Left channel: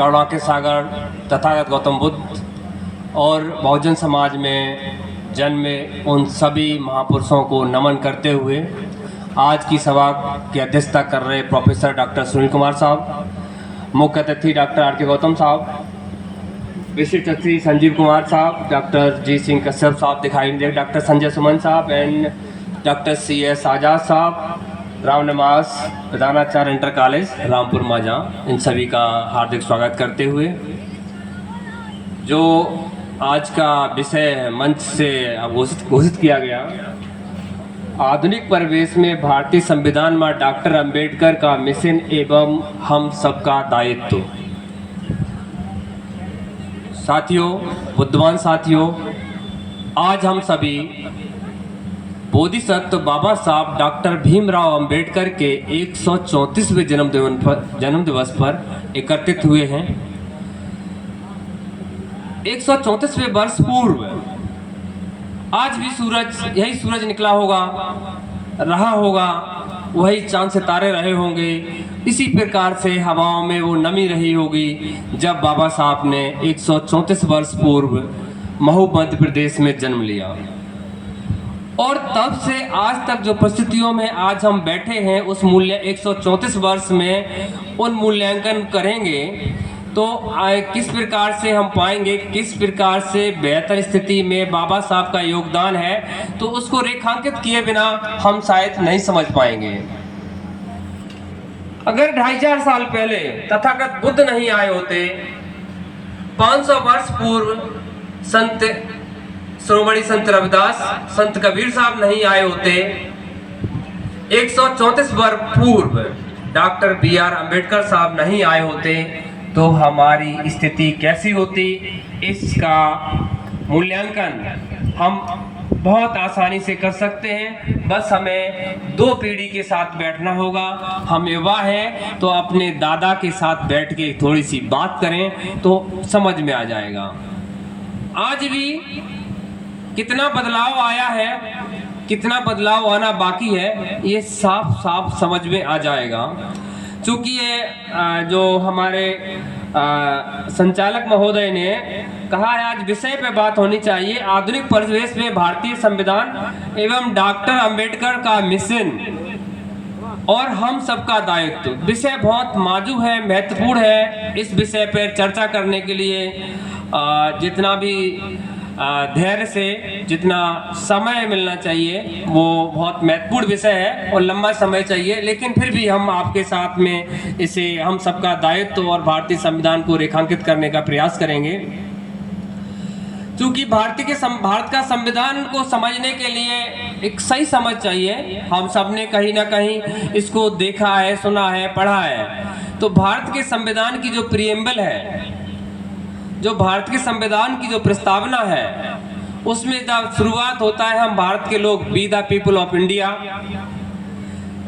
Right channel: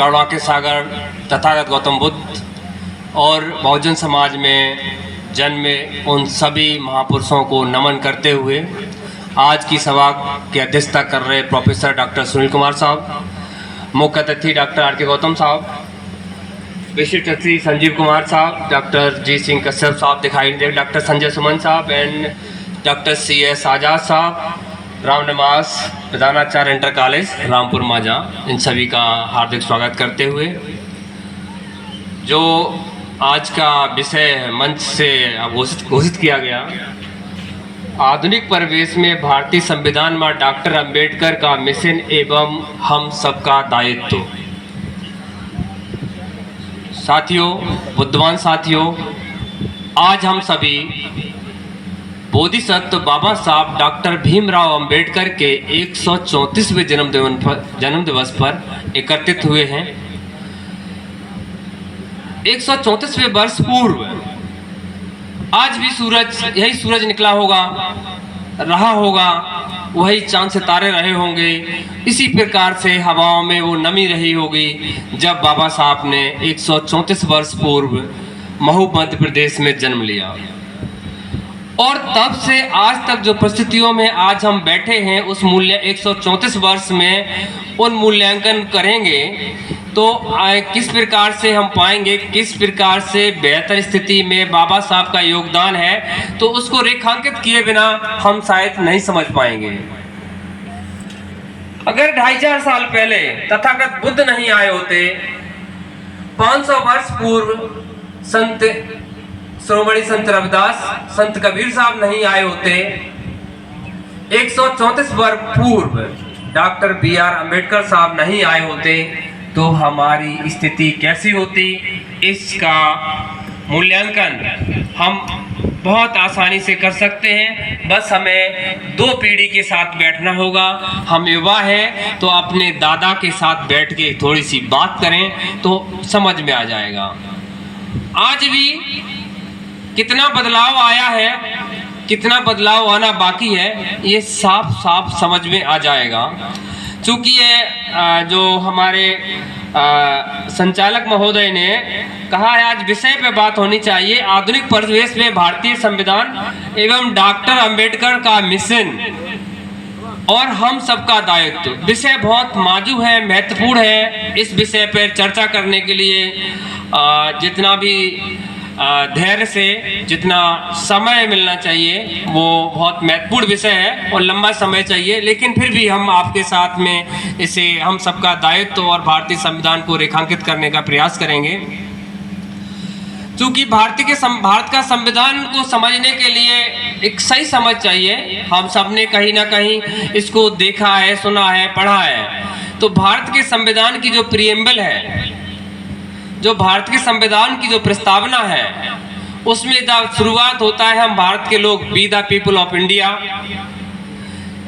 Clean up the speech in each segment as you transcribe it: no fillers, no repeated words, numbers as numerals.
करुणा के सागर तथागत गौतम बुद्ध और बहुजन समाज में जन्मे उन सभी महापुरुषों को नमन करते हुए आज की सभा की अध्यक्षता कर रहे प्रोफेसर डॉक्टर सुनील कुमार साहब, मुख्य अतिथि डॉक्टर आर के गौतम साहब, विशिष्ट अतिथि संजीव कुमार साहब, डॉक्टर जी सिंह कश्यप साहब दिखाई दे, डॉक्टर संजय सुमन साहब एंड डॉक्टर सी एस आज़ाद साहब, राम निवास प्रधानाचार्य इंटर कॉलेज रामपुर माजा, इन सभी का हार्दिक स्वागत करते हुए जो आज का विषय मंच से घोषित किया गया, आधुनिक परिवेश में भारतीय संविधान में डॉक्टर अंबेडकर का मिशन एवं हम सबका दायित्व। साथियों, बुद्धिमान साथियों, आज हम सभी बोधिसत्व बाबा साहब डॉक्टर भीमराव अंबेडकर के 134वें जन्म दिवस पर एकत्रित हुए हैं। 134वें वर्ष पूर्व आज भी यही सूरज निकला होगा, रहा होगा, वही चांद सितारे रहे होंगे, इसी प्रकार से हवाओं में वो नमी रही होगी जब बाबा साहब ने 134 वर्ष पूर्व महू मध्य प्रदेश में जन्म लिया। और तब से आज तक जो परिस्थितियों में आज हम बैठे हैं, उस मूल्य 134 वर्ष में उन मूल्यांकन करेंगे तो किस प्रकार से हम पाएंगे, किस प्रकार से बेहतर स्थिति में बाबा साहब का योगदान है, तो उसको रेखांकित किए बिना हम शायद नहीं समझ पाएंगे। अगर 2500 साल पहले तथागत बुद्ध नहीं आए होते, 500 वर्ष पूर्व संत श्रोमणी संत रविदास, संत कबीर साहब नहीं आए होते, 134 वर्ष पूर्व डॉक्टर BR अंबेडकर साहब नहीं आए होते, तो हमारी स्थिति कैसी होती, इसका मूल्यांकन हम बहुत आसानी से कर सकते हैं। बस हमें 2 पीढ़ी के साथ बैठना होगा। हम युवा हैं तो अपने दादा के साथ बैठ के थोड़ी सी बात करें तो समझ में आ जाएगा। आज भी कितना बदलाव आया है, कितना बदलाव आना बाकी है, ये साफ साफ समझ में आ जाएगा। चूँकि ये जो हमारे संचालक महोदय ने कहा है, आज विषय पे बात होनी चाहिए, आधुनिक परिवेश में भारतीय संविधान एवं डॉक्टर अंबेडकर का मिशन और हम सबका दायित्व। विषय बहुत नाजुक है, महत्वपूर्ण है। इस विषय पर चर्चा करने के लिए जितना भी धैर्य से जितना समय मिलना चाहिए वो बहुत महत्वपूर्ण विषय है और लंबा समय चाहिए, लेकिन फिर भी हम आपके साथ में इसे हम सबका दायित्व और भारतीय संविधान को रेखांकित करने का प्रयास करेंगे। क्योंकि भारत का संविधान को समझने के लिए एक सही समझ चाहिए। हम सब ने कहीं ना कहीं इसको देखा है, सुना है, पढ़ा है। तो भारत के संविधान की जो प्रीएम्बल है, जो भारत के संविधान की जो प्रस्तावना है, उसमें जब शुरुआत होता है, हम भारत के लोग be the people of India,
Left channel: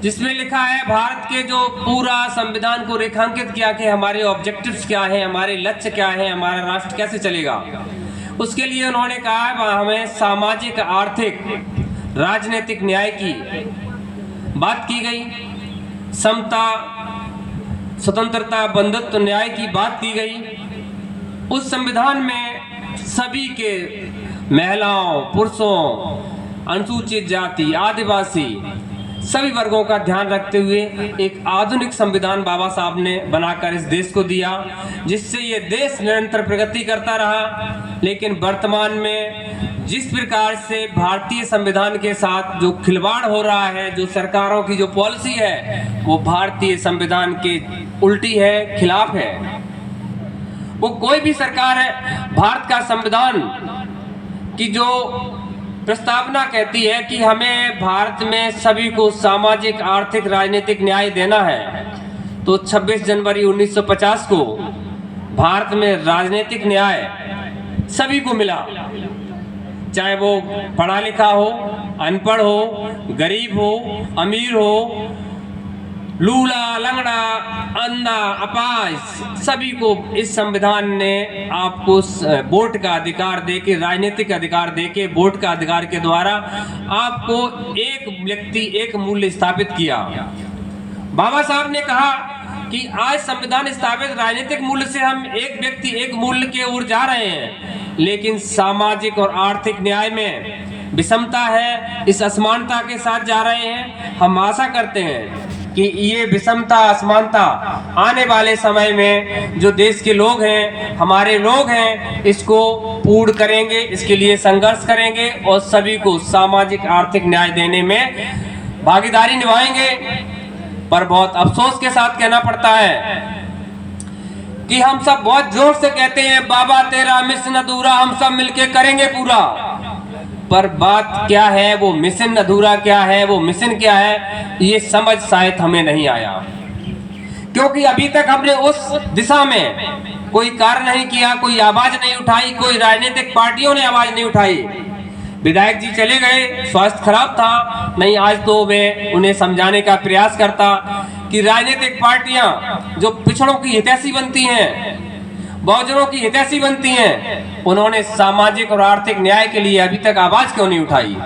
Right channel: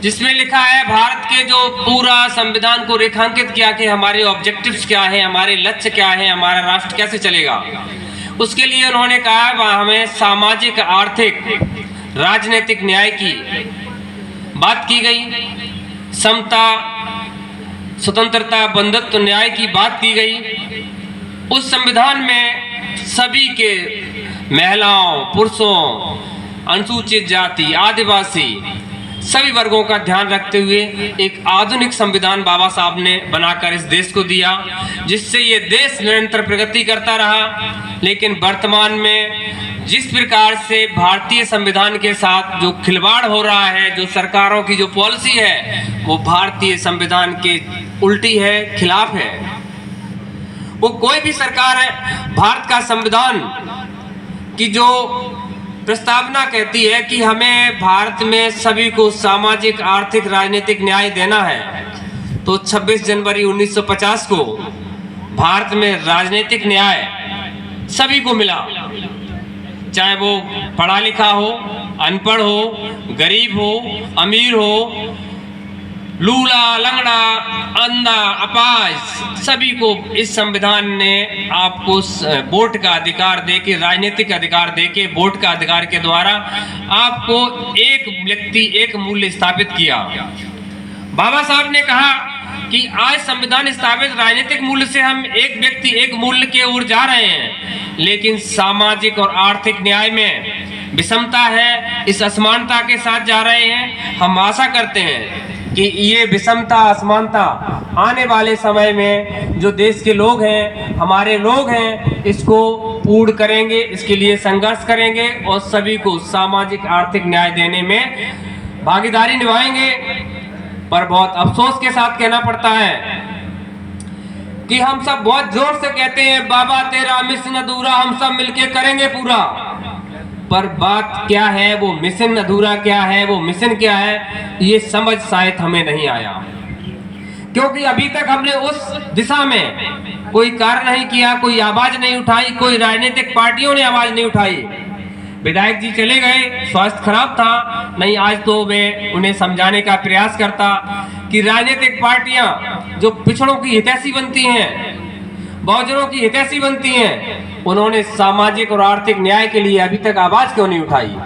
जिसमें लिखा है भारत के जो पूरा संविधान को रेखांकित किया कि हमारे ऑब्जेक्टिव्स क्या है, हमारे लक्ष्य क्या है, हमारा राष्ट्र कैसे चलेगा। उसके लिए उन्होंने कहा हमें सामाजिक, आर्थिक, राजनीतिक न्याय की बात की गई, समता, स्वतंत्रता, बंधुत्व, न्याय की बात की गई। उस संविधान में सभी के महिलाओं, पुरुषों, अनुसूचित जाति, आदिवासी सभी वर्गों का ध्यान रखते हुए एक आधुनिक संविधान बाबा साहब ने बनाकर इस देश को दिया, जिससे ये देश निरंतर प्रगति करता रहा। लेकिन वर्तमान में जिस प्रकार से भारतीय संविधान के साथ जो खिलवाड़ हो रहा है, जो सरकारों की जो पॉलिसी है, वो भारतीय संविधान के उल्टी है, खिलाफ है। वो कोई भी सरकार है, भारत का संविधान की जो प्रस्तावना कहती है कि हमें भारत में सभी को सामाजिक, आर्थिक, राजनीतिक न्याय देना है, तो 26 जनवरी 1950 को भारत में राजनीतिक न्याय सभी को मिला, चाहे वो पढ़ा लिखा हो, अनपढ़ हो, गरीब हो, अमीर हो, लूला, लंगड़ा, अंधा, अपाहिज, सभी को इस संविधान ने आपको वोट का अधिकार देके, राजनीतिक अधिकार देके, वोट का अधिकार के द्वारा आपको एक व्यक्ति, एक मूल्य स्थापित किया। बाबा साहब ने कहा कि आज संविधान स्थापित राजनीतिक मूल्य से हम एक व्यक्ति एक मूल्य के ओर जा रहे हैं, लेकिन सामाजिक और आर्थिक न्याय में विषमता है, इस असमानता के साथ जा रहे हैं। हम आशा करते हैं कि ये विषमता असमानता आने वाले समय में जो देश के लोग हैं, हमारे लोग हैं, इसको पूर्ण करेंगे, इसके लिए संघर्ष करेंगे और सभी को सामाजिक आर्थिक न्याय देने में भागीदारी निभाएंगे। पर बहुत अफसोस के साथ कहना पड़ता है कि हम सब बहुत जोर से कहते हैं बाबा तेरा मिशन अधूरा, हम सब मिलके करेंगे पूरा, पर बात क्या है, वो मिशन अधूरा क्या है, वो मिशन क्या है, ये समझ शायद हमें नहीं आया, क्योंकि अभी तक हमने उस दिशा में कोई कार्य नहीं किया, कोई आवाज नहीं उठाई, कोई राजनीतिक पार्टियों ने आवाज नहीं उठाई। विधायक जी चले गए, स्वास्थ्य खराब था, नहीं आज तो मैं उन्हें समझाने का प्रयास करता कि राजनीतिक पार्टियां जो पिछड़ों की हितैषी बनती हैं, बहुजनों की हितैषी बनती हैं, उन्होंने सामाजिक और आर्थिक न्याय के लिए अभी तक आवाज क्यों नहीं उठाई।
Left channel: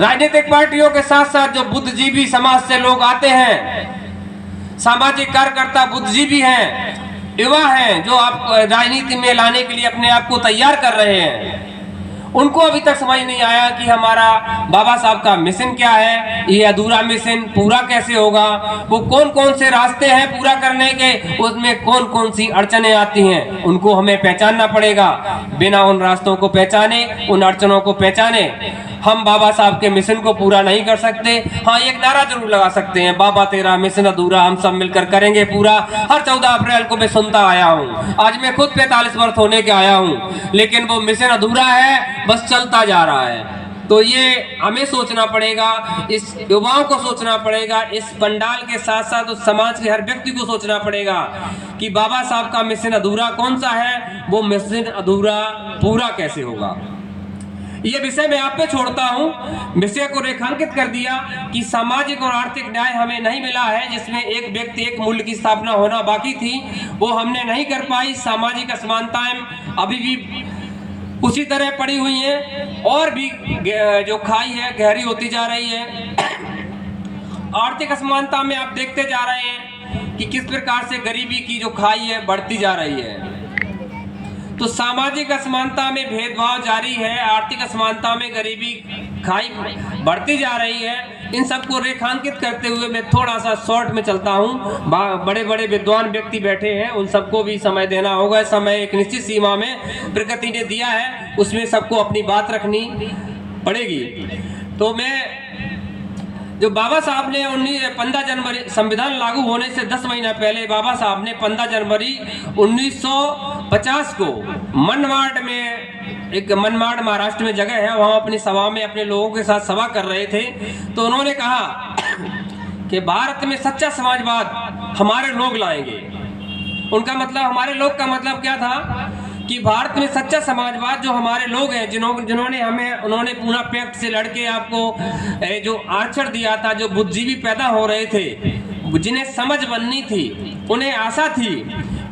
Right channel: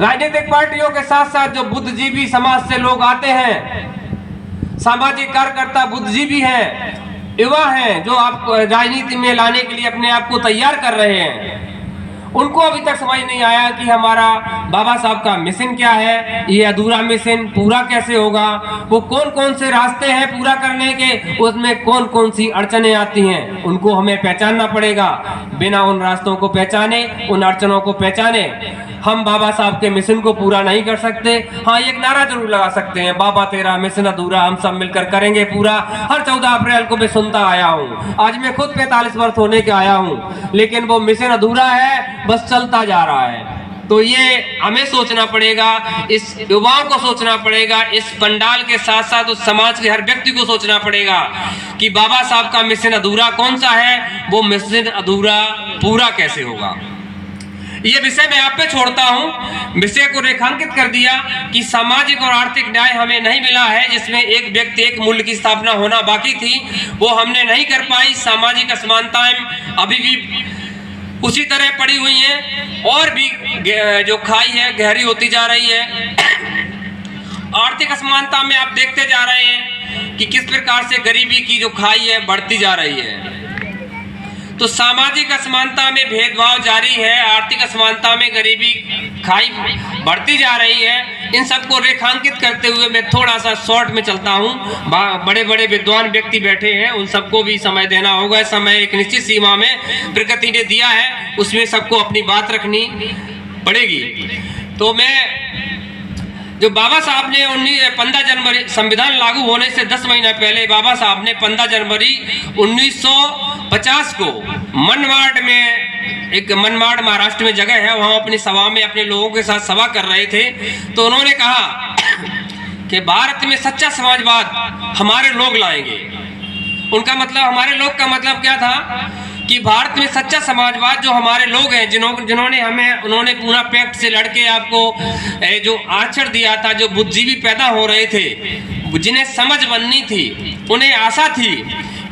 राजनीतिक पार्टियों के साथ साथ जो बुद्धिजीवी समाज से लोग आते हैं, सामाजिक कार्यकर्ता बुद्धिजीवी हैं, युवा हैं, जो आप राजनीति में लाने के लिए अपने आप को तैयार कर रहे हैं, उनको अभी तक समझ नहीं आया कि हमारा बाबा साहब का मिशन क्या है, ये अधूरा मिशन पूरा कैसे होगा, वो कौन कौन से रास्ते हैं पूरा करने के, उसमें कौन कौन सी अड़चने आती हैं, उनको हमें पहचानना पड़ेगा। बिना उन रास्तों को पहचाने, उन अड़चनों को पहचाने हम बाबा साहब के मिशन को पूरा नहीं कर सकते। हाँ, एक नारा जरूर लगा सकते हैं, बाबा तेरा मिशन अधूरा, हम सब मिलकर करेंगे पूरा। हर 14 अप्रैल को मैं सुनता आया हूँ, आज मैं खुद 45 वर्ष होने के आया हूँ, लेकिन वो मिशन अधूरा है, बस चलता जा रहा है। तो ये हमें सोचना पड़ेगा, इस युवाओं को सोचना पड़ेगा, इस पंडाल के साथ साथ उस समाज के हर व्यक्ति को सोचना पड़ेगा कि बाबा साहब का मिशन अधूरा कौन सा है, वो मिशन अधूरा पूरा कैसे होगा। ये विषय मैं आप पे छोड़ता हूं। विषय को रेखांकित कर दिया कि सामाजिक और आर्थिक न्याय हमें नहीं मिला है, जिसमें एक व्यक्ति एक मूल्य की स्थापना होना बाकी थी, वो हमने नहीं कर पाई। सामाजिक असमानताएं अभी भी उसी तरह पड़ी हुई हैं और भी जो खाई है गहरी होती जा रही है। आर्थिक असमानता में आप देखते जा रहे हैं कि किस प्रकार से गरीबी की जो खाई है बढ़ती जा रही है। तो सामाजिक असमानता में भेदभाव जारी है, आर्थिक असमानता में गरीबी खाई बढ़ती जा रही है। इन सबको रेखांकित करते हुए मैं थोड़ा सा शॉर्ट में चलता हूँ। बड़े बड़े विद्वान व्यक्ति बैठे हैं, उन सबको भी समय देना होगा। समय एक निश्चित सीमा में प्रकृति ने दिया है, उसमें सबको अपनी बात रखनी पड़ेगी। तो मैं जो बाबा साहब ने 15 जनवरी संविधान लागू होने से 10 महीना पहले बाबा साहब ने 15 जनवरी 1950 को मनमाड़ में, एक मनमाड़ महाराष्ट्र में जगह है, वहां अपनी सभा में अपने लोगों के साथ सभा कर रहे थे। तो उन्होंने कहा कि भारत में सच्चा समाजवाद हमारे लोग लाएंगे। उनका मतलब, हमारे लोग का मतलब क्या था कि भारत में सच्चा समाजवाद जो हमारे लोग हैं, जिन्होंने हमें, उन्होंने पूना पैक्ट से लड़के आपको जो आरक्षण दिया था, जो बुद्धिजीवी पैदा हो रहे थे, जिन्हें समझ बननी थी, उन्हें आशा थी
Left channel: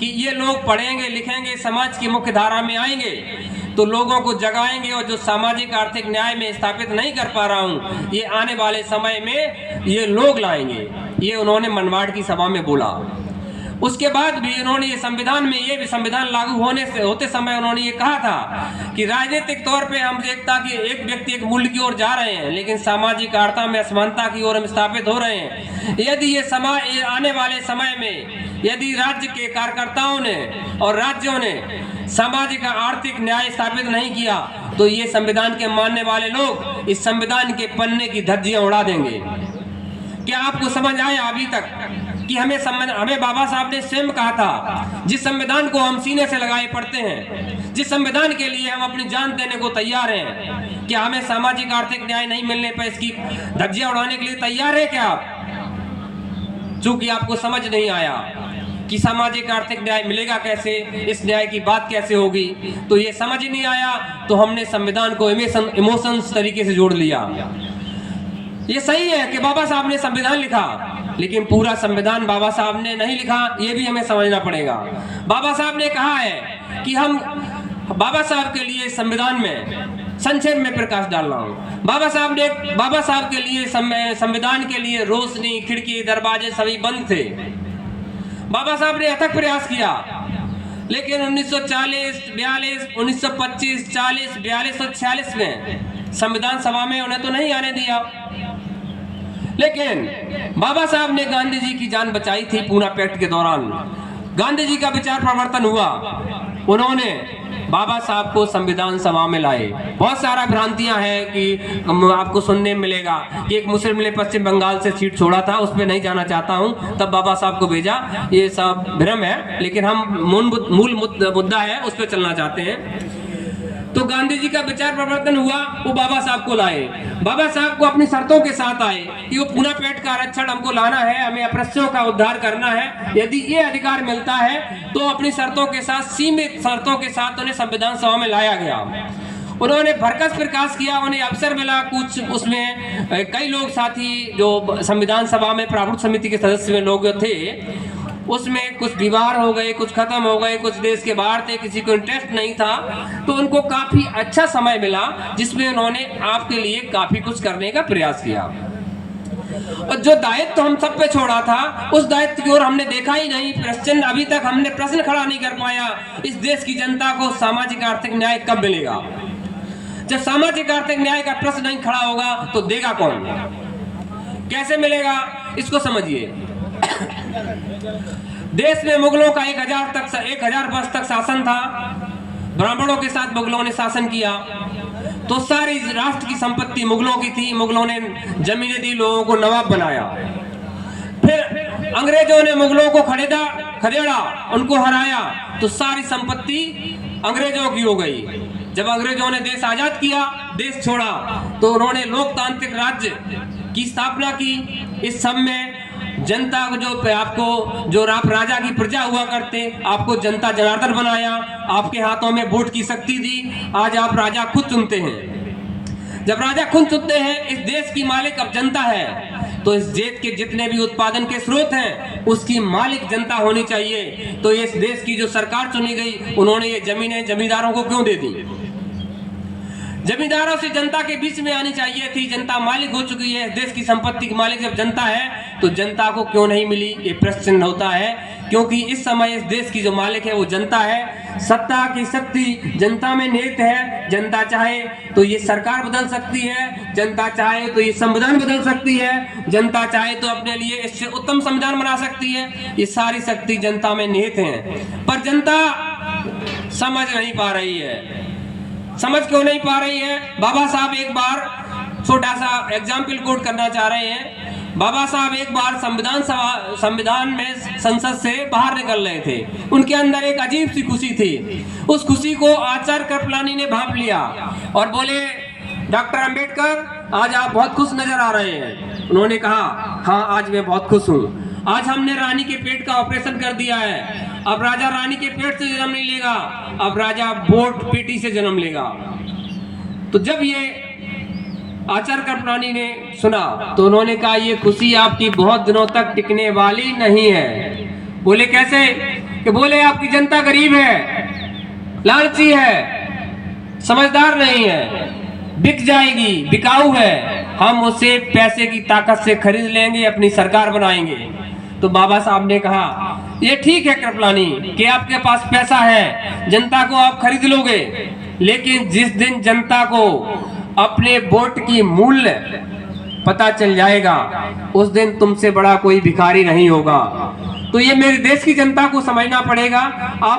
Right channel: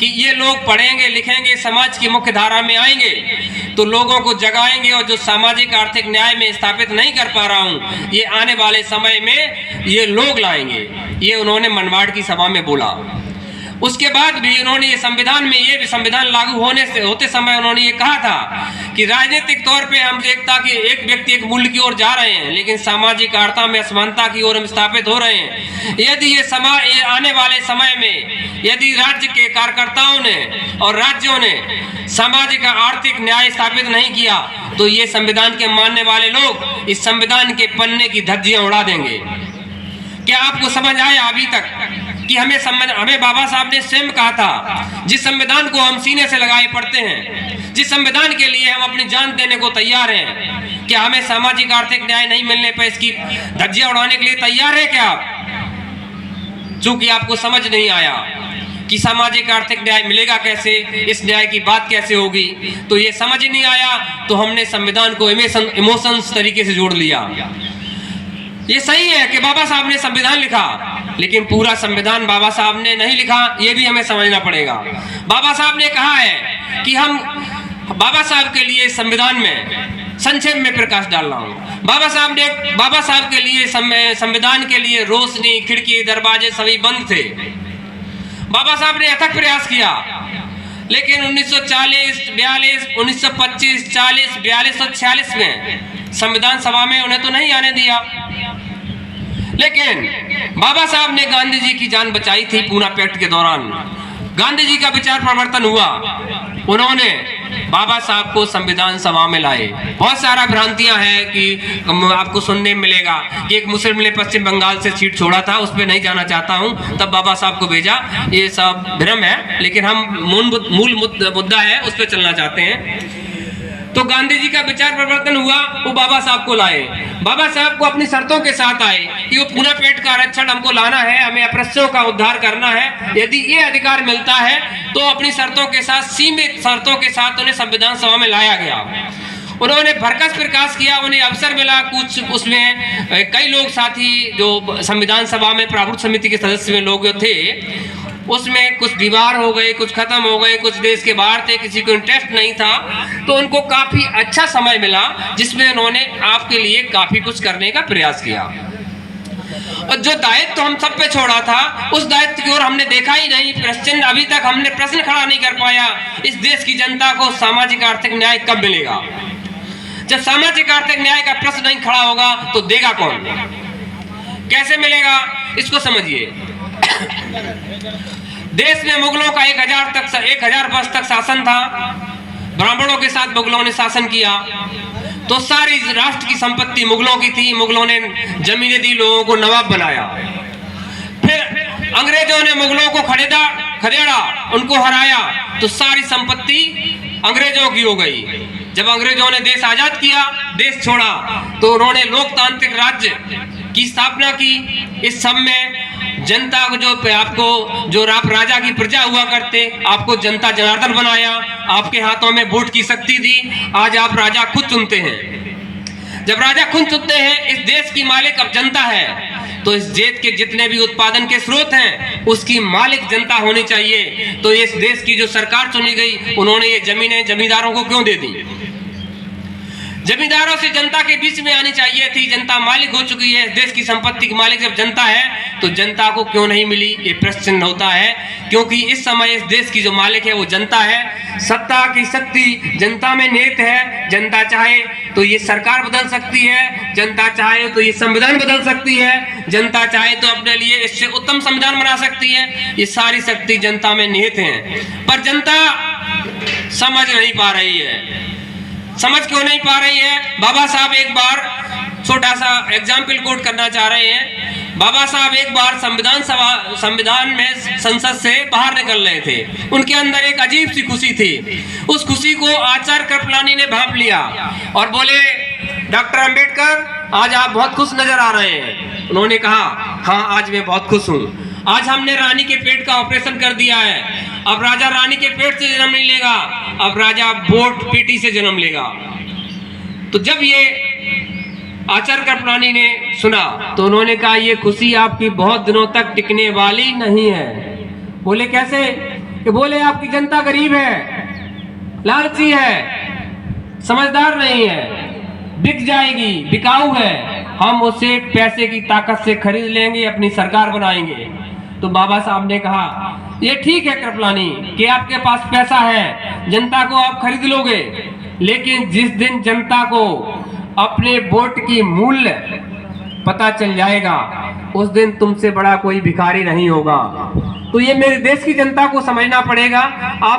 कि ये लोग पढ़ेंगे लिखेंगे, समाज की मुख्य धारा में आएंगे तो लोगों को जगाएंगे, और जो सामाजिक आर्थिक न्याय में स्थापित नहीं कर पा रहा हूँ, ये आने वाले समय में ये लोग लाएंगे। ये उन्होंने मनमाड़ की सभा में बोला। उसके बाद भी उन्होंने ये संविधान में, ये भी संविधान लागू होते समय उन्होंने ये कहा था कि राजनीतिक तौर पे हम एकता की, एक व्यक्ति एक मूल्य की ओर जा रहे हैं, लेकिन सामाजिक आर्ता में असमानता की ओर हम स्थापित हो रहे हैं। यदि ये आने वाले समय में यदि राज्य के कार्यकर्ताओं ने और राज्यों ने सामाजिक आर्थिक न्याय स्थापित नहीं किया तो ये संविधान के मानने वाले लोग इस संविधान के पन्ने की धज्जियां उड़ा देंगे। क्या आपको समझ आया अभी तक कि हमें बाबा साहब ने स्वयं कहा था, जिस संविधान को हम सीने से लगाए पढ़ते हैं, जिस संविधान के लिए हम अपनी जान देने को तैयार हैं, क्या हमें सामाजिक आर्थिक न्याय नहीं मिलने पर इसकी धज्जियां उड़ाने के लिए तैयार है क्या आप? चूंकि आपको समझ नहीं आया कि सामाजिक आर्थिक न्याय मिलेगा कैसे, इस न्याय की बात कैसे होगी, तो ये समझ नहीं आया, तो हमने संविधान को इमोशंस तरीके से जोड़ लिया। ये सही है कि बाबा साहब ने संविधान लिखा, लेकिन पूरा संविधान बाबा साहब ने नहीं लिखा, ये भी हमें समझना पड़ेगा। बाबा साहब ने कहा है कि हम बाबा साहब के लिए संविधान में संक्षेप में प्रकाश डाल रहा हूँ। बाबा साहब के लिए संविधान के लिए रोशनी, खिड़की, दरवाजे सभी बंद थे। बाबा साहब ने अथक प्रयास किया, लेकिन 1940, 42, 1925, 40, 42 और 46 में संविधान सभा में उन्हें तो नहीं आने दिया। लेकिन बाबा साहब ने गांधी जी की जान बचाई थी पूना पैक्ट के दौरान। गांधी जी का विचार परिवर्तन हुआ, उन्होंने बाबा साहब को संविधान सभा में लाए। बहुत सारा भ्रांतियां हैं कि आपको सुनने में मिलेगा कि एक मुस्लिम ने पश्चिम बंगाल से सीट छोड़ा था, उस पर नहीं जाना चाहता हूं, तब बाबा साहब को भेजा। ये सब भ्रम है, लेकिन हम मूल मुद्दा है उस पर चलना चाहते हैं। तो गांधी जी का विचार परिवर्तन हुआ, वो बाबा साहब को लाए। बाबा साहब को अपनी शर्तों के साथ आए कि वो पूना पेट का आरक्षण हमको लाना है, हमें अपराधियों का उद्धार करना है। यदि ये अधिकार मिलता है तो अपनी शर्तों के साथ, सीमित शर्तों के साथ उन्हें संविधान सभा में लाया गया। उन्होंने भरकस प्रयास किया, उन्हें अवसर मिला। कुछ उसमें कई लोग साथी जो संविधान सभा में प्रारूप समिति के सदस्य में लोग थे, उसमें कुछ दीवार हो गए, कुछ खत्म हो गए, कुछ देश के बाहर थे, किसी को इंटरेस्ट नहीं था। तो उनको काफी अच्छा समय मिला जिसमें उन्होंने आपके लिए काफी कुछ करने का प्रयास किया। और जो दायित्व हम सब पे छोड़ा था, उस दायित्व की ओर हमने देखा ही नहीं। प्रश्न अभी तक हमने प्रश्न खड़ा नहीं कर पाया, इस देश की जनता को सामाजिक आर्थिक न्याय कब मिलेगा। जब सामाजिक आर्थिक न्याय का प्रश्न नहीं खड़ा होगा तो देगा कौन, कैसे मिलेगा, इसको समझिए। देश में मुगलों का 1000 वर्ष तक शासन था। ब्राह्मणों के साथ मुगलों ने शासन किया, तो सारी राष्ट्र की संपत्ति मुगलों की थी। मुगलों ने जमीनें दी, लोगों को नवाब बनाया। फिर अंग्रेजों ने मुगलों को खदेड़ा, उनको हराया, तो सारी संपत्ति अंग्रेजों की हो गई। जब अंग्रेजों ने देश आजाद किया, देश छोड़ा, तो उन्होंने लोकतांत्रिक राज्य की स्थापना की। इस सब में जनता को जो आप राजा की प्रजा हुआ करते, आपको जनता जनार्दन बनाया, आपके हाथों में वोट की शक्ति दी। आज आप राजा खुद चुनते हैं। जब राजा खुद चुनते हैं, इस देश की मालिक अब जनता है, तो इस देश के जितने भी उत्पादन के स्रोत हैं, उसकी मालिक जनता होनी चाहिए। तो इस देश की जो सरकार चुनी गई, उन्होंने ये जमीनें जमींदारों को क्यों दे दी। जमींदारों से जनता के बीच में आनी चाहिए थी। जनता मालिक हो चुकी है, देश की संपत्ति की मालिक जब जनता है, तो जनता को क्यों नहीं मिली, ये प्रश्न होता है। क्योंकि इस समय इस देश की जो मालिक है वो जनता है। सत्ता की शक्ति जनता में निहित है। जनता चाहे तो ये सरकार बदल सकती है, जनता चाहे तो ये संविधान बदल सकती है, जनता चाहे तो अपने लिए इससे उत्तम संविधान बना सकती है। ये सारी शक्ति जनता में निहित है, पर जनता समझ नहीं पा रही है। समझ क्यों नहीं पा रही है? बाबा साहब एक बार छोटा सा एग्जाम्पल कोट करना चाह रहे हैं। बाबा साहब एक बार संविधान में संसद से बाहर निकल रहे थे। उनके अंदर एक अजीब सी खुशी थी। उस खुशी को आचार्य कृपलानी ने भांप लिया और बोले, डॉक्टर अंबेडकर, आज आप बहुत खुश नजर आ रहे हैं। उन्होंने कहा, हाँ आज मैं बहुत खुश हूँ। आज हमने रानी के पेट का ऑपरेशन कर दिया है। अब राजा रानी के पेट से जन्म नहीं लेगा, अब राजा वोट पेटी से जन्म लेगा। तो जब ये आचार्य कृपलानी ने सुना, तो उन्होंने कहा, ये खुशी आपकी बहुत दिनों तक टिकने वाली नहीं है। बोले कैसे? कि बोले आपकी जनता गरीब है, लालची है, समझदार नहीं है, बिक जाएगी, बिकाऊ है, हम उसे पैसे की ताकत से खरीद लेंगे, अपनी सरकार बनाएंगे। तो बाबा साहब ने कहा, ये ठीक है कृपलानी कि आपके पास पैसा है, जनता को आप खरीद लोगे, लेकिन जिस दिन जनता को अपने वोट की मूल्य पता चल जाएगा, उस दिन तुमसे बड़ा कोई भिखारी नहीं होगा। तो ये मेरे देश की जनता को समझना पड़ेगा। आप